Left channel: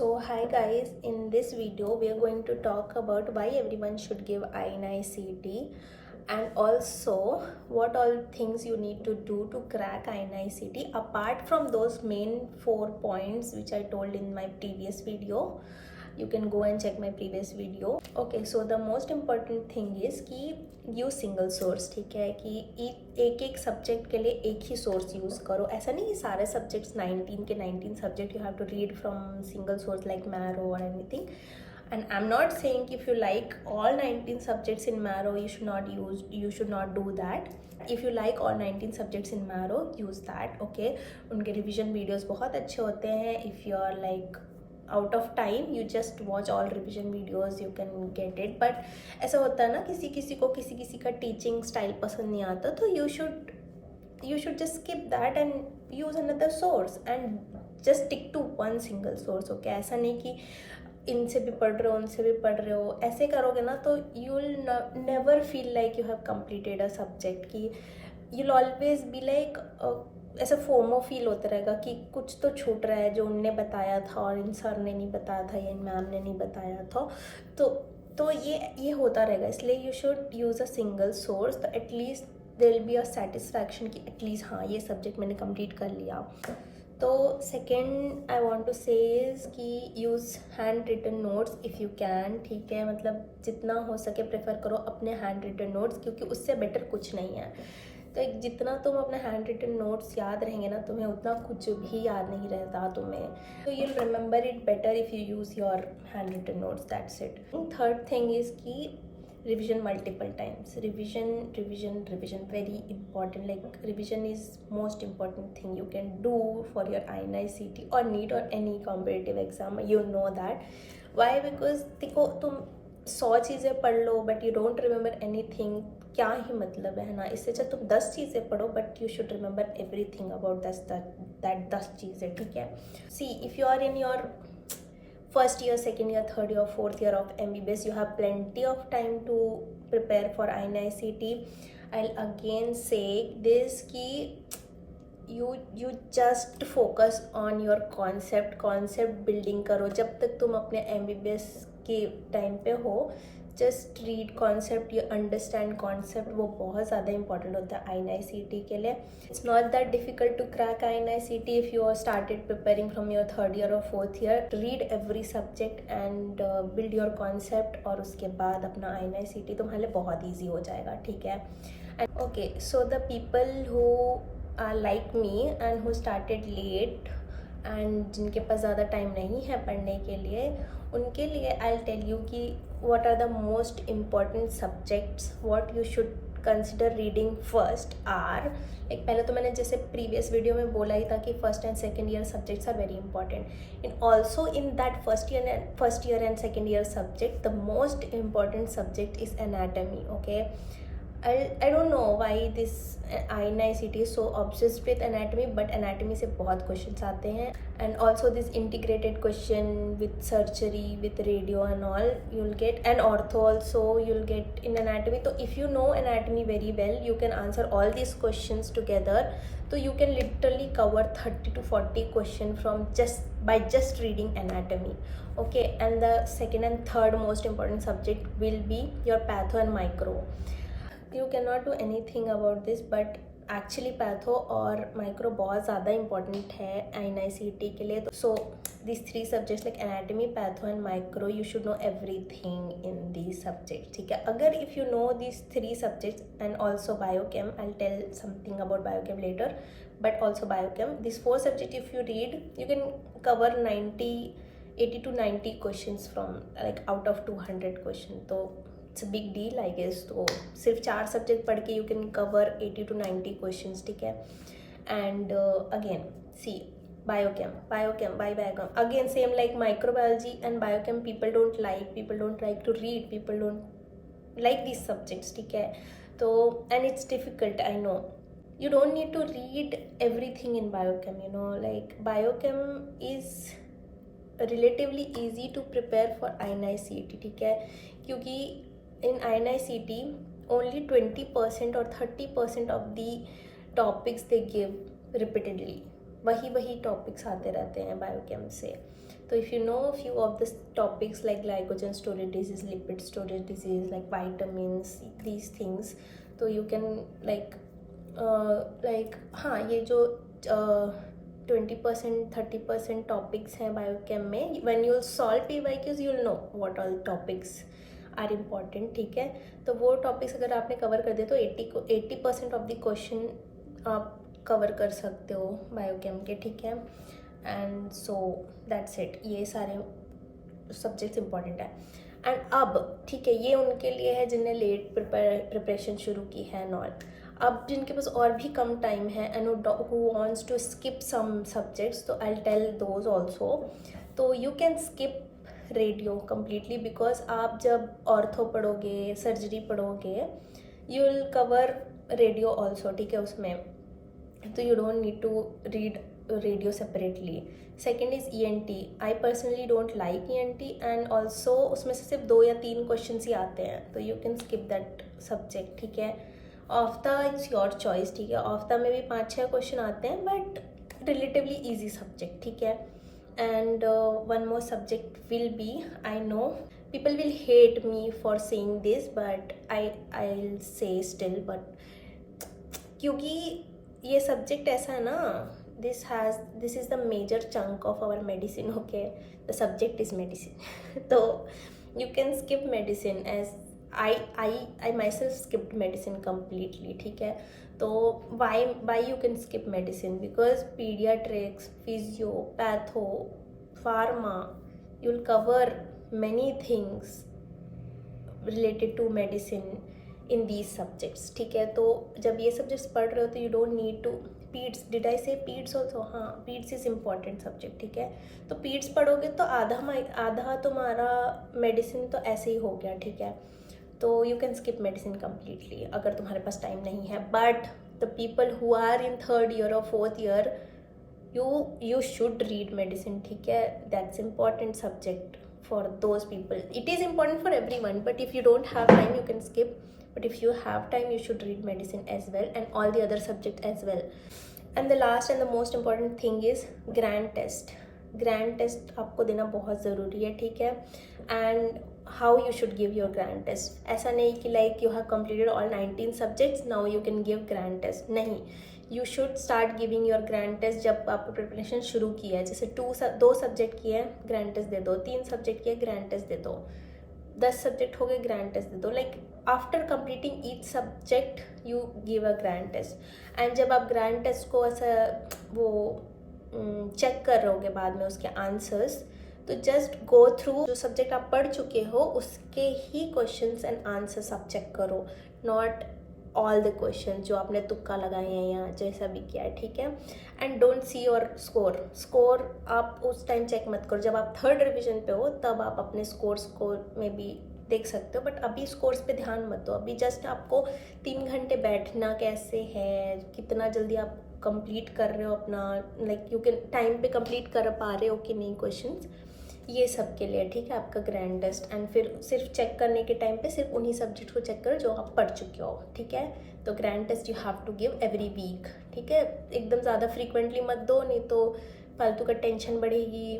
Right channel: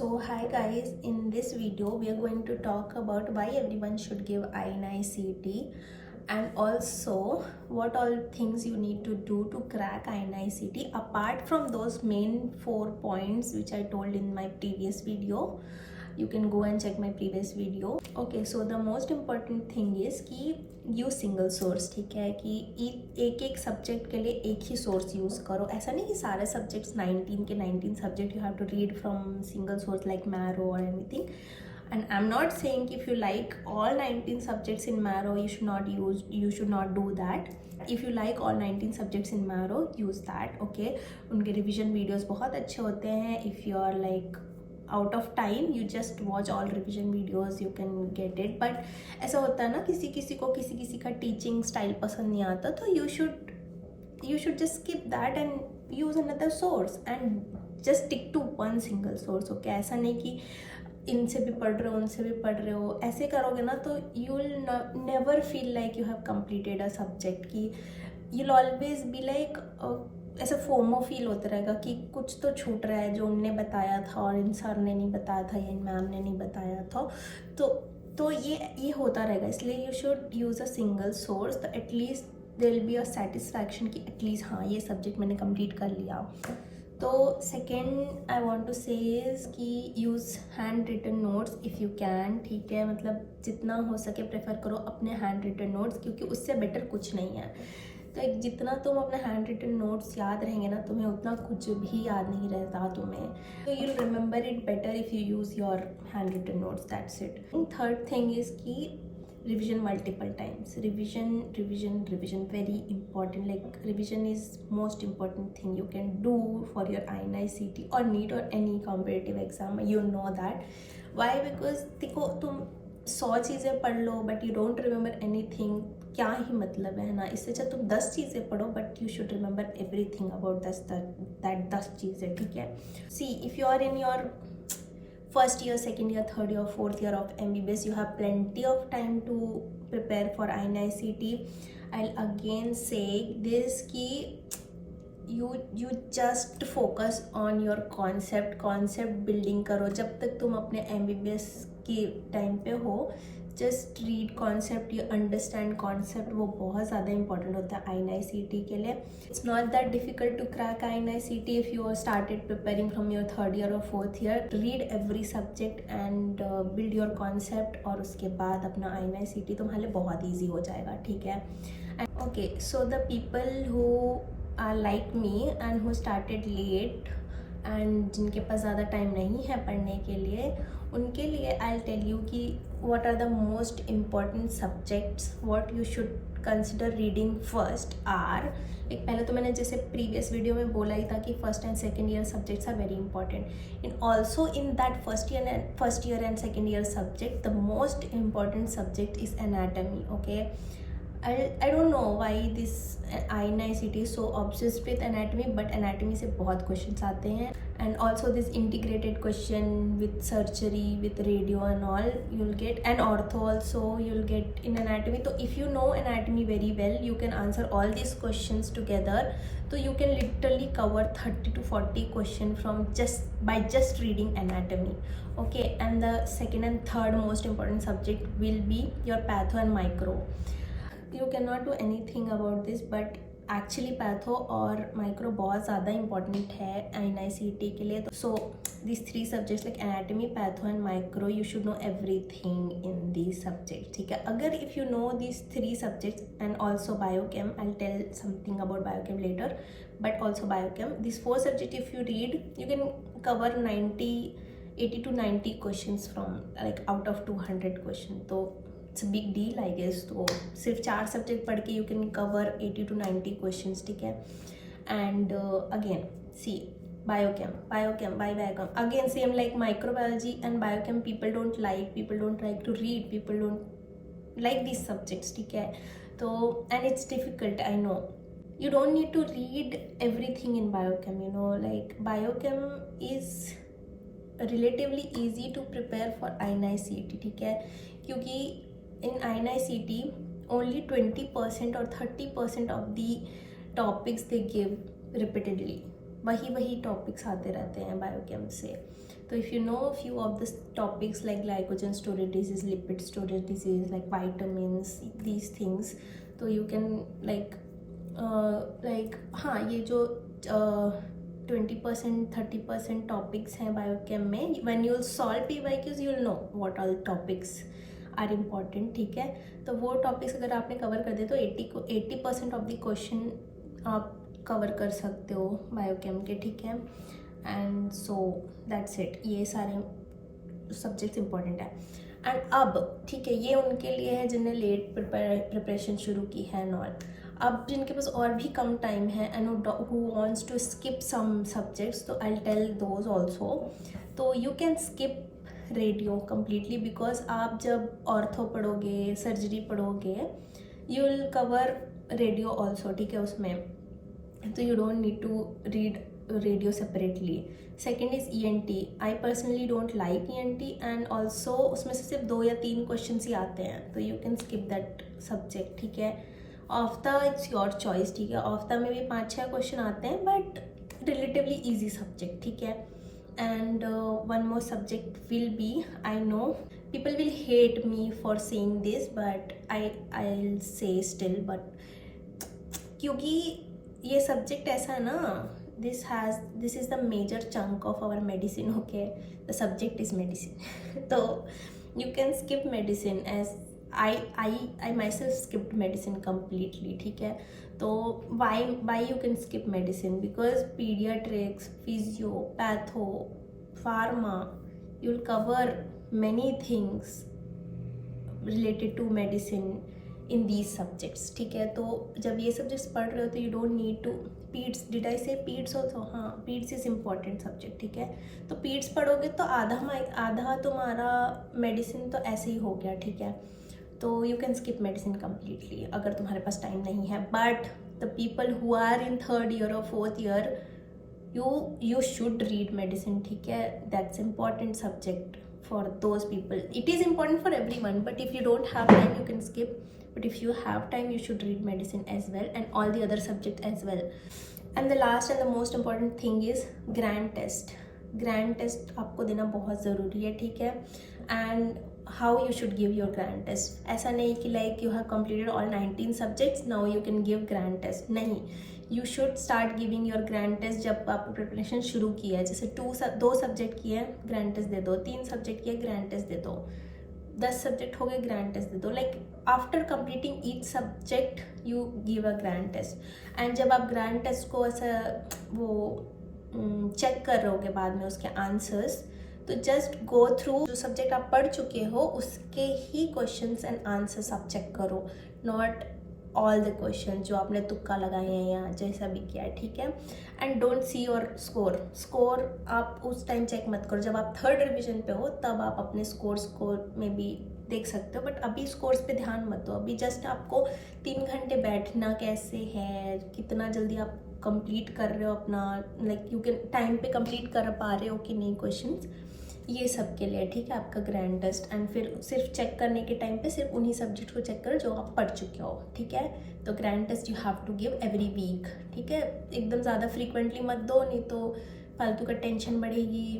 So hi guys, in this video we are going to talk about why everyone should give INI-CET and also what all things you need to do to crack INI-CET apart from those main 4 points which I told in my previous video. You can go and check my previous video. Okay, so the most important thing is कि use single source, ठीक है, कि एक एक subject के लिए एक ही source use करो. ऐसा नहीं कि सारे सब्जेक्ट्स 19 के 19 subject you have to read from single source like Marrow और anything. And I'm not saying if you like all 19 subjects in Marrow, you should not do that. If you like all 19 subjects in Marrow, use that, okay. उनके revision videos बहुत अच्छे होते हैं. If you are like out of time, you just watch all revision videos, you can get it. But ऐसा होता है ना, किसी को किसी का teaching style पसंद नहीं आता, तो you should just skip that and use another source and just stick to one single source, okay. ऐसा नहीं कि इनसे भी पढ़ रहे हो उनसे भी पढ़ रहे हो. ऐसे करोगे ना तो you will never feel like you have completed a subject. की you will always be like ऐसा फोमो फील होता रहेगा कि कुछ तो छूट रहा है जो उनने बताया था और इन सर ने नहीं बताया था या इन मैम ने नहीं बताया था. तो ये होता रहेगा. इसलिए you should use a single source. तो at least there will be a satisfaction कि एटलीस्ट हाँ ये सब्जेक्ट मैंने कंप्लीट कर लिया. तो second I want to say is कि use hand written notes if you can, ठीक है. मतलब जितना हो सके प्रेफर करो अपने हैंड रिटन नोट्स, क्योंकि उससे बेटर कुछ नहीं है. तो एक जितना तुम अपने हैंड रिटन नोट्स याद रहेंगे ना, तुम्हें उतना कुछ भी याद नहीं रहता तुम्हें. तो you remember it better if you use your hand written notes, that's it. Third thing is कि revision multiple times. Revision very important. Like revision is most important thing you can do for your INI-CET or NEET or any competitive exam. You know that. Why? Because देखो तुम 100 चीज़ें पढ़ लो but you don't remember anything, क्या ही मतलब है ना. इससे अच्छा तुम 10 चीज़ें पढ़ो but you should remember everything about that 10 चीज़ें, ठीक है. See if you are in your first year, second year, third year, fourth year of MBBS, you have plenty of time to prepare for INI-CET. I'll again say this कि you just focus on your concept building करो. जब तक तुम अपने MBBS के time पे हो, just read concept, you understand concept. वो बहुत ज़्यादा इंपॉर्टेंट होता है INI-CET के लिए. It's not that difficult to crack INI-CET if you are started preparing from your third year और fourth year. Read every subject and build your concept, और उसके बाद अपना INI-CET तुम्हारे लिए बहुत ईजी हो जाएगा, ठीक है. And okay, so the people who are like me and who started late and जिनके पास ज़्यादा टाइम नहीं है पढ़ने के लिए, उनके लिए आई विल टेल यू कि what are the most important subjects what you should consider reading first are, एक पहले तो मैंने जैसे प्रीवियस वीडियो में बोला ही था कि first and second year subjects are very important. In also in that first year and second year subject the most important subject is anatomy, okay. I don't know why this INI-CET is so obsessed with anatomy, but anatomy से बहुत questions आते हैं. And also this integrated question with surgery, with radio and all you'll get, and ortho also you'll get in anatomy. So if you know anatomy very well, you can answer all these questions together. So you can literally cover 30 to 40 questions from just reading anatomy, okay. And the second and third most important subject will be your patho and micro. You cannot do anything about this, but actually patho और micro बहुत ज़्यादा important है INI-CET के लिए. तो so this 3 subjects like anatomy, patho and micro, you should know everything in these subjects, ठीक है. अगर if you know these 3 subjects and also biochem, I will tell something about biochem later, but also biochem, this 4 subject if you read you can cover 80 to 90 questions from like out of 200 question. तो it's a big deal I guess. तो सिर्फ 4 subject पढ़ के you can cover 80 to 90 questions, ठीक है. And again see biochem again same like microbiology and biochem, people don't like to read, people don't like this subjects, ठीक है. तो and it's difficult, I know. You don't need to read everything in biochem, you know, like biochem is relatively easy to prepare for INI-CET, ठीक है. क्योंकि in INI-CET only 20% or 30% of the topics they give repeatedly, वही topics आते रहते हैं biochem से. तो if you know few of the topics like glycogen storage disease, lipid storage disease, like vitamins, these things, तो यू कैन लाइक हाँ, ये जो 20% 30% टॉपिक्स हैं बायोकेम में, when you will solve PYQs you will know what all topics are important. ठीक है, तो वो टॉपिक्स अगर आपने कवर कर दिए तो 80% ऑफ द क्वेश्चन आप कवर कर सकते हो बायोकेम के. ठीक है, एंड सो दैट्स इट. ये सारे सब्जेक्ट्स इंपॉर्टेंट है. एंड अब ठीक है, ये उनके लिए है जिन्हें लेट प्रिपरेशन शुरू की है नॉट. अब जिनके पास और भी कम टाइम है and who wants to skip some subjects, तो आई टेल दोज ऑल्सो. तो you can skip radio completely, because आप जब ऑर्थो पढ़ोगे, सर्जरी पढ़ोगे, you will cover radio also. ठीक है, उसमें तो you don't need to read radio separately. Second is ENT. I personally don't like ENT and also उसमें से सिर्फ 2 या 3 क्वेश्चन ही आते हैं, तो you can skip that subject. ठीक है, ऑफ्ता इट्स योर चॉइस. ठीक है, ऑफ्ता में भी 5-6 क्वेश्चन आते हैं बट रिलेटिवली ईजी सब्जेक्ट. ठीक है, and one more subject will be, I know people will hate me for saying this but I'll say still, but क्योंकि ये सब्जेक्ट ऐसा है ना, this is the major chunk of our medicine. Okay, the subject is medicine. तो you can skip medicine as I myself skipped medicine completely. ठीक है, तो why you can skip medicine, because pediatrics, physio, patho, pharma, you will cover many things related to medicine in these subjects. ठीक है, तो जब ये subjects पढ़ रहे हो तो you don't need to peds. Did I say peds also? हाँ, पीड्स इज़ इम्पॉर्टेंट सब्जेक्ट. ठीक है, तो पीड्स पढ़ोगे तो आधा तुम्हारा मेडिसिन तो ऐसे ही हो गया. ठीक है, तो you can skip medicine completely अगर तुम्हारे पास टाइम नहीं है. But the people who are in 3rd year और 4th year, you should read medicine. ठीक है, that's important subject for those people. It is important for everyone, but if you don't have time you can skip, but if you have time you should read medicine as well and all the other subject as well. And the last and the most important thing is grand test. grand test आपको देना बहुत ज़रूरी है. ठीक है, and how you should give your grand test. ऐसा नहीं कि like you have completed all 19 subjects now you can give grand test. नहीं, you should start giving your grand test जब आपने प्रिपरेशन शुरू किया है. जैसे 2 सब्जेक्ट किए हैं, ग्रैंड टेस्ट दे दो. 3 सब्जेक्ट किए, ग्रैंड टेस्ट दे दो. 10 सब्जेक्ट हो गए, ग्रैंड टेस्ट दे दो. Like after completing each subject you give a grand test. And जब आप ग्रैंड टेस्ट को ऐसा वो चेक कर रहोगे बाद में उसके आंसर्स, तो जस्ट गो थ्रू जो सब्जेक्ट आप पढ़ चुके हो उसके ही क्वेश्चंस एंड आंसर्स आप चेक करो, नॉट ऑल द क्वेश्चन जो आपने तुक्का लगाए हैं या जैसा भी किया है. ठीक है, and don't see your score आप उस टाइम चेक मत करो जब आप 3rd रिविजन पे हो, तब आप अपने स्कोर्स को में भी देख सकते हो. बट अभी स्कोर्स पे ध्यान मत दो. अभी जस्ट आपको 3 घंटे बैठना कैसे है, कितना जल्दी आप कंप्लीट कर रहे हो अपना, लाइक यू कैन टाइम पे कंप्लीट कर पा रहे हो कि नहीं क्वेश्चंस, ये सब के लिए. ठीक है, आपका ग्रैंड टेस्ट. एंड फिर सिर्फ चेक करने के टाइम पे सिर्फ उन्हीं सब्जेक्ट को चेक करो जो आप पढ़ चुके हो. ठीक है, तो grand test you have to give every week. ठीक है, एकदम ज़्यादा फ्रीक्वेंटली मत दो, नहीं तो फालतू का टेंशन बढ़ेगी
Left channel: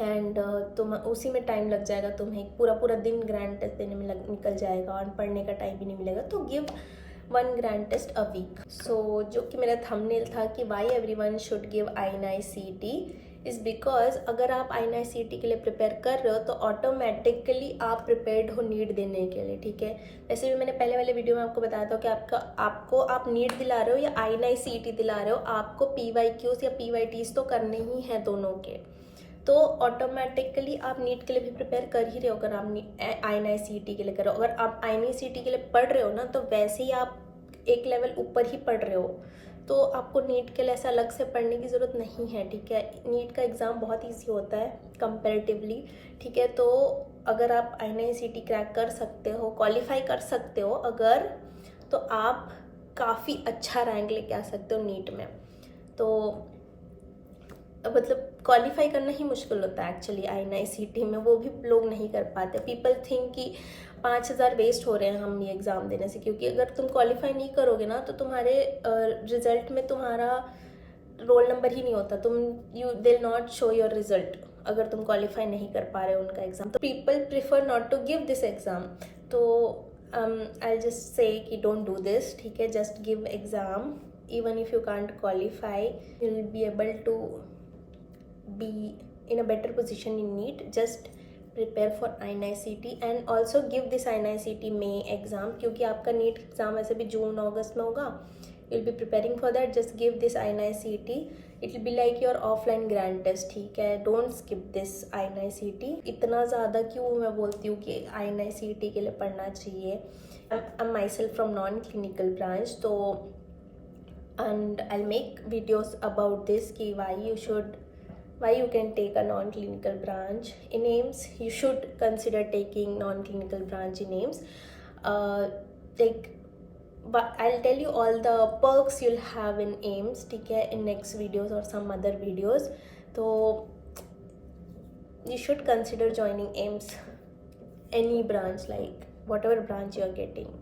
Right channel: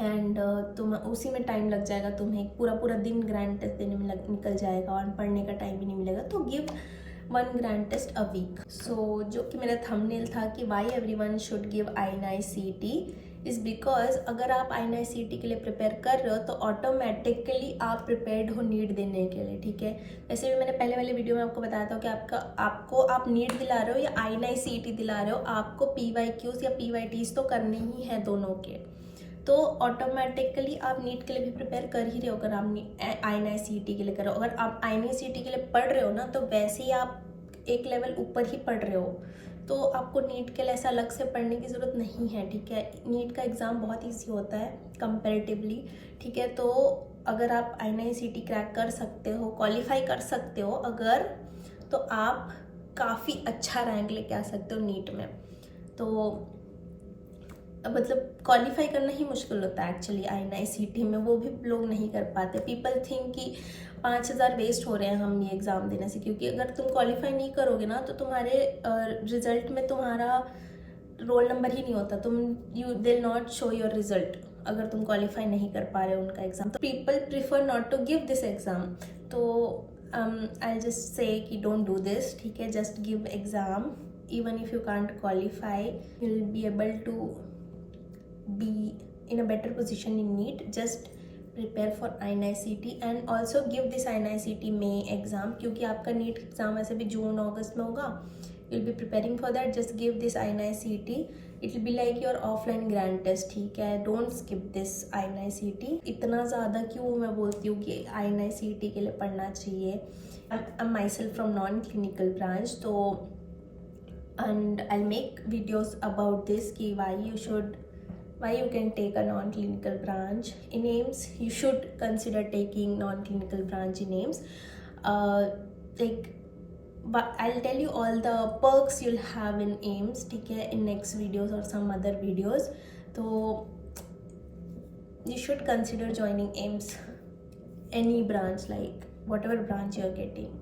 एंड तुम उसी में टाइम लग जाएगा. तुम्हें पूरा दिन ग्रैंड टेस्ट देने में निकल जाएगा और पढ़ने का टाइम भी नहीं मिलेगा. तो give 1 grand test a week. So जो कि मेरा थंबनेल था कि why everyone should give INI-CET is because अगर आप INI-CET के लिए प्रिपेयर कर रहे हो तो ऑटोमेटिकली आप प्रिपेयर्ड हो नीट देने के लिए. ठीक है, वैसे भी मैंने पहले वाले वीडियो में आपको बताया था कि आप नीट दिला रहे हो या INI-CET दिला रहे हो, आपको PYQs या PYTs तो करने ही हैं दोनों के. तो ऑटोमेटिकली आप नीट के लिए भी प्रिपेयर कर ही रहे हो अगर आप INI-CET के लिए कर रहे हो. अगर आप INI-CET के लिए पढ़ रहे हो ना, तो वैसे ही आप एक लेवल ऊपर ही पढ़ रहे हो, तो आपको नीट के लिए ऐसा अलग से पढ़ने की ज़रूरत नहीं है. ठीक है, नीट का एग्ज़ाम बहुत ईजी होता है कंपैरेटिवली. ठीक है, तो अगर आप INI-CET क्रैक कर सकते हो, क्वालिफाई कर सकते हो अगर, तो आप काफ़ी अच्छा रैंक लेके आ सकते हो नीट में. तो मतलब क्वालिफाई करना ही मुश्किल होता है एक्चुअली INI-CET में, वो भी लोग नहीं कर पाते. पीपल थिंक कि 5,000 वेस्ट हो रहे हैं हम ये एग्ज़ाम देने से, क्योंकि अगर तुम क्वालिफाई नहीं करोगे ना तो तुम्हारे रिज़ल्ट में तुम्हारा रोल नंबर ही नहीं होता, तुम you they'll not show your result अगर तुम क्वालिफाई नहीं कर पा रहे हो उनका एग्ज़ाम. तो people prefer not to give this exam. तो आई जस्ट से कि डोंट डू दिस. ठीक है, just give exam. Even if you can't qualify, you will be able to be in a better position in NEET. Just prepare for INI-CET and also give this INI-CET May exam, क्योंकि आपका NEET exam वैसे भी जून अगस्त में होगा. You'll be preparing for that. Just give this INI-CET. It will be like your offline grand test. ठीक है, don't skip this INI-CET. इतना ज़्यादा क्यों मैं बोलती हूँ कि INI-CET के लिए पढ़ना चाहिए. I'm myself from non-clinical branch, तो and I'll make videos about this कि why you can take a non-clinical branch in AIIMS. You should consider taking non-clinical branch in AIIMS. But I'll tell you all the perks you'll have in AIIMS, ठीक है, in next videos or some other videos. So you should consider joining AIIMS, any branch, like whatever branch you're getting.